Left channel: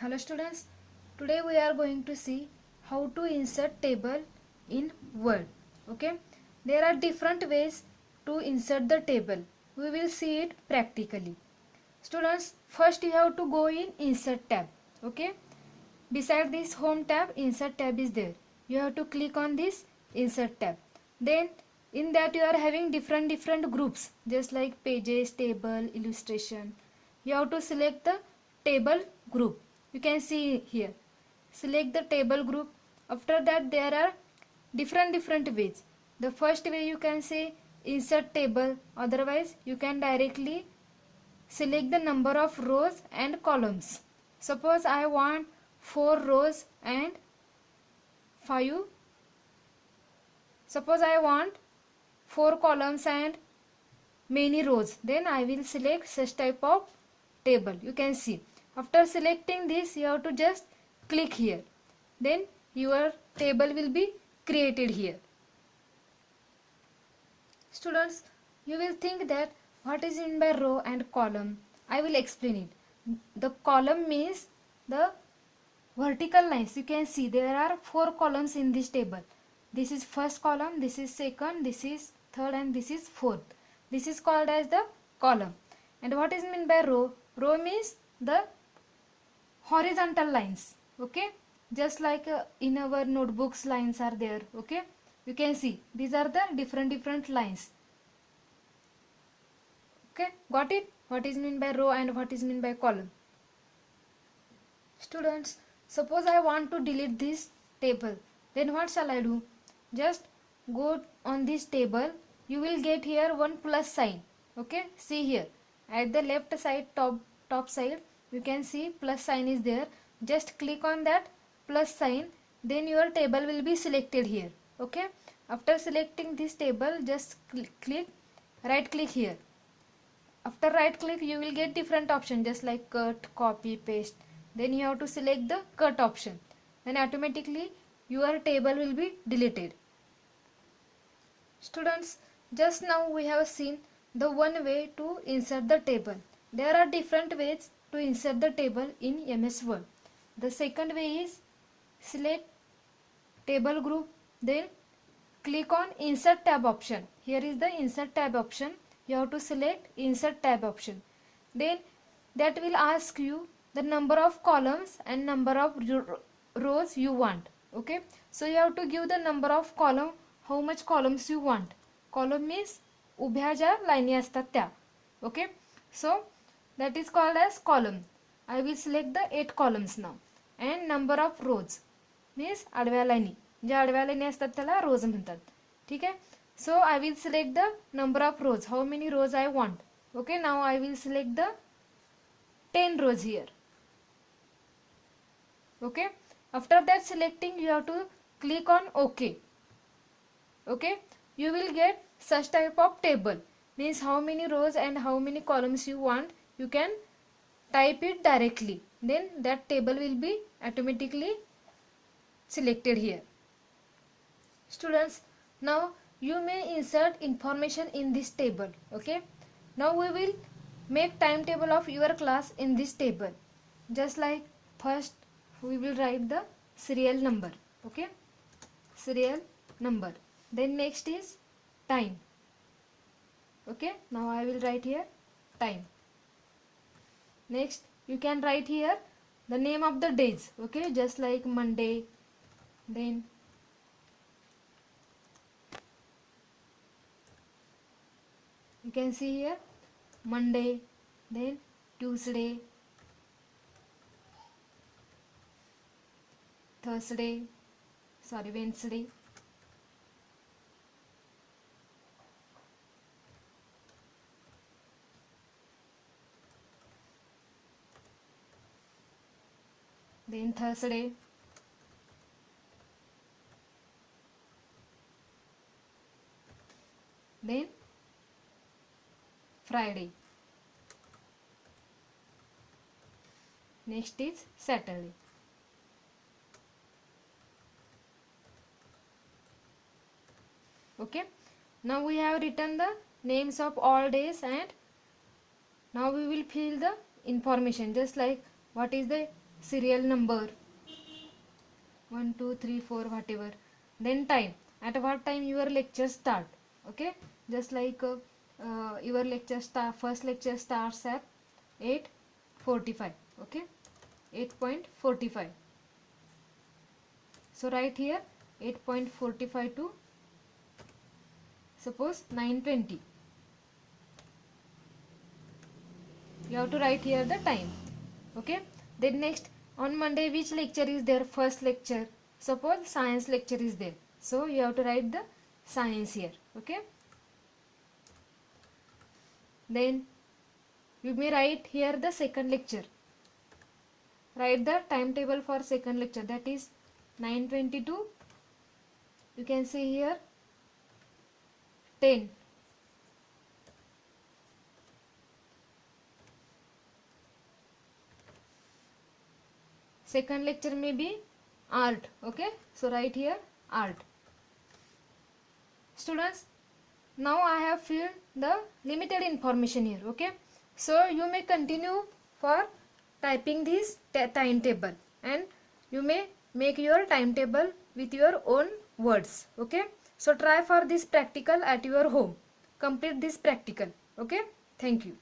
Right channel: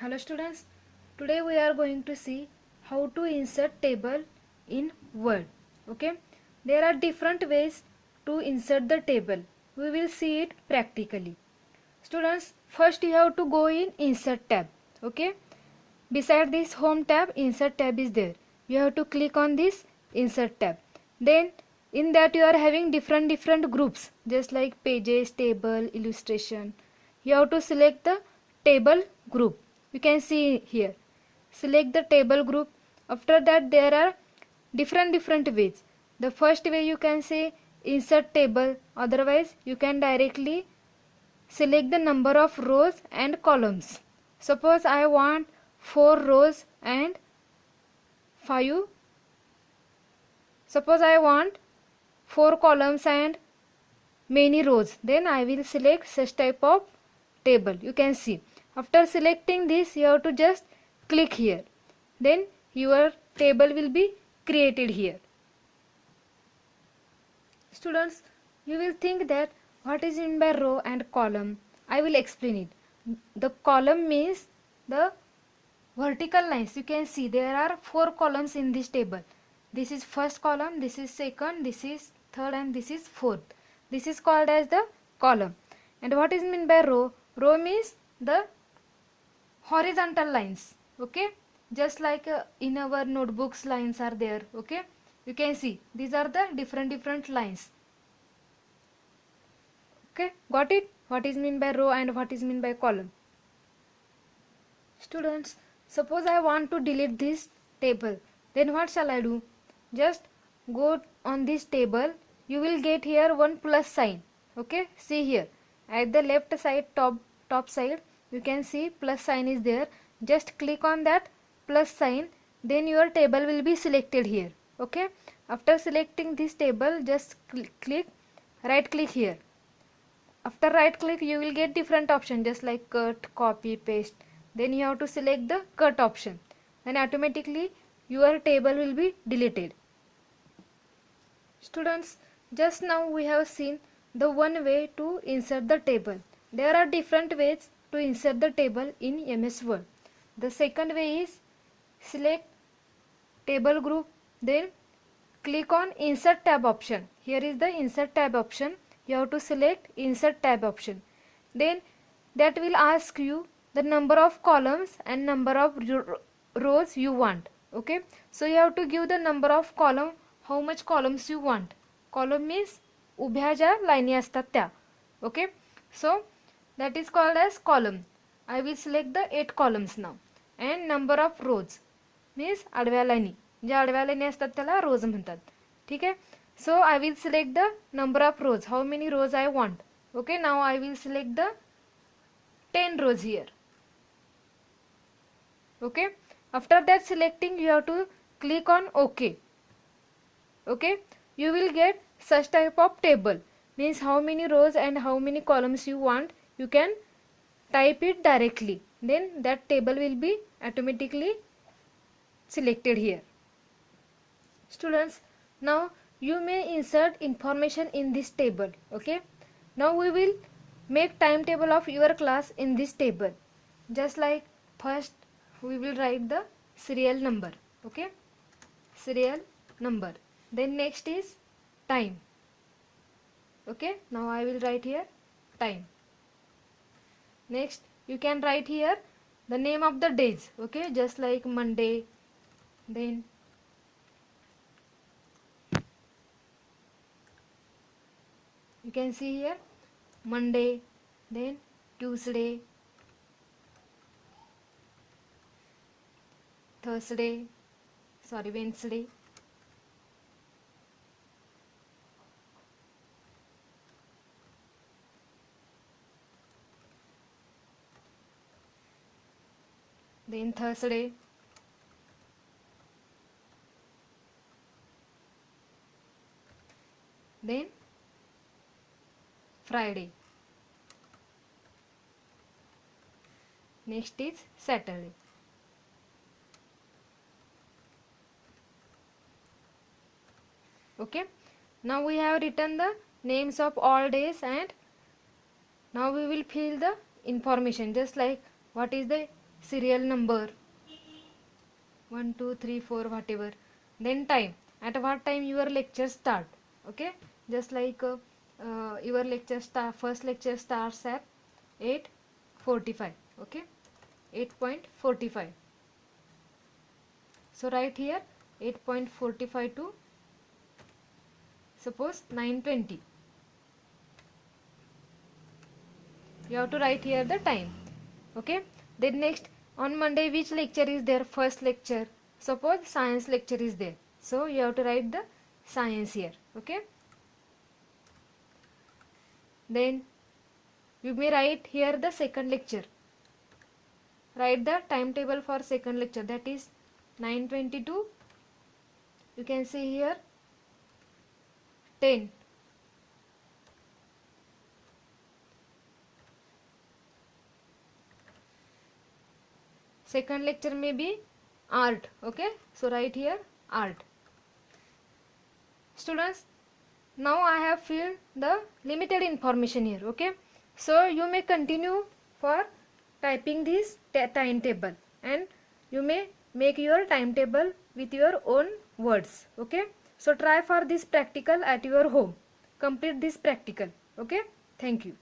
Hello students, today we are going to see how to insert table in Word. Okay, there are different ways to insert the table. We will see it practically. Students, first you have to go in Insert tab. Okay, beside this Home tab, Insert tab is there. You have to click on this Insert tab. Then in that you are having different groups, just like pages, table, illustration. You have to select the table group. You can see here. Select the table group. After that there are different ways. The first way you can say insert table. Otherwise you can directly select the number of rows and columns. Suppose I want 4 rows and 5. Suppose I want 4 columns and many rows. Then I will select such type of table. You can see. After selecting this, you have to just click here. Then your table will be created here. Students, you will think that what is meant by row and column. I will explain it. The column means the vertical lines. You can see there are 4 columns in this table. This is first column, this is second, this is third, and this is fourth. This is called as the column. And what is meant by row? Row means the horizontal lines. Okay, just like in our notebooks lines are there. Okay, you can see these are the different lines. Okay, got it? What is meant by row and what is meant by column? Students, suppose I want to delete this table, then what shall I do? Just go on this table. You will get here one plus sign. Okay, see here at the left side, top side, you can see plus sign is there. Just click on that plus sign, then your table will be selected here. Okay, after selecting this table, just click right click here. After right click, you will get different options just like cut, copy, paste. Then you have to select the cut option. Then automatically your table will be deleted. Students, just now we have seen the one way to insert the table. There are different ways to insert the table in MS Word. The second way is select table group, then click on insert tab option. Here is the insert tab option. You have to select insert tab option. Then that will ask you the number of columns and number of rows you want. Okay, so you have to give the number of column, how much columns you want. Column means उभ्या ज्या लाईनी असतात त्या. Okay, so that is called as column. I will select the 8 columns now. And number of rows means आडव्या लाईनी. ज्या आडव्या लाईनी असतात त्याला rows म्हणतात. ठीक आहे. So I will select the number of rows. How many rows I want. Okay, now I will select the 10 rows here. Okay, after that selecting, you have to click on OK. Okay, you will get such type of table. Means how many rows and how many columns you want. You can type it directly. Then that table will be automatically selected here. Students, now you may insert information in this table. Okay, now we will make timetable of your class in this table. Just like first we will write the serial number. Okay, serial number. Then next is time. Okay, now I will write here time. Next you can write here the name of the days. Okay, just like Monday, then you can see here Monday, then Tuesday, Wednesday, then Thursday, then Friday. Next is Saturday. Okay, now we have written the names of all days, and now we will fill the information just like what is the serial number 1 2 3 4 whatever, then time, at what time your lecture start. Okay, just like your lecture start, first lecture starts at 8:45. Okay, 8:45. So write here 8:45 to suppose 9:20. You have to write here the time. Okay, then next, on Monday which lecture is there? First lecture, suppose science lecture is there, so you have to write the science here. Okay, then you may write here the second lecture. Write the timetable for second lecture, that is 9:22. You can see here 10. Second lecture may be art. Okay, so write here art. Students, now I have filled the limited information here. Okay, so you may continue for typing this timetable, and you may make your timetable with your own words. Okay, so try for this practical at your home. Complete this practical. Okay, thank you.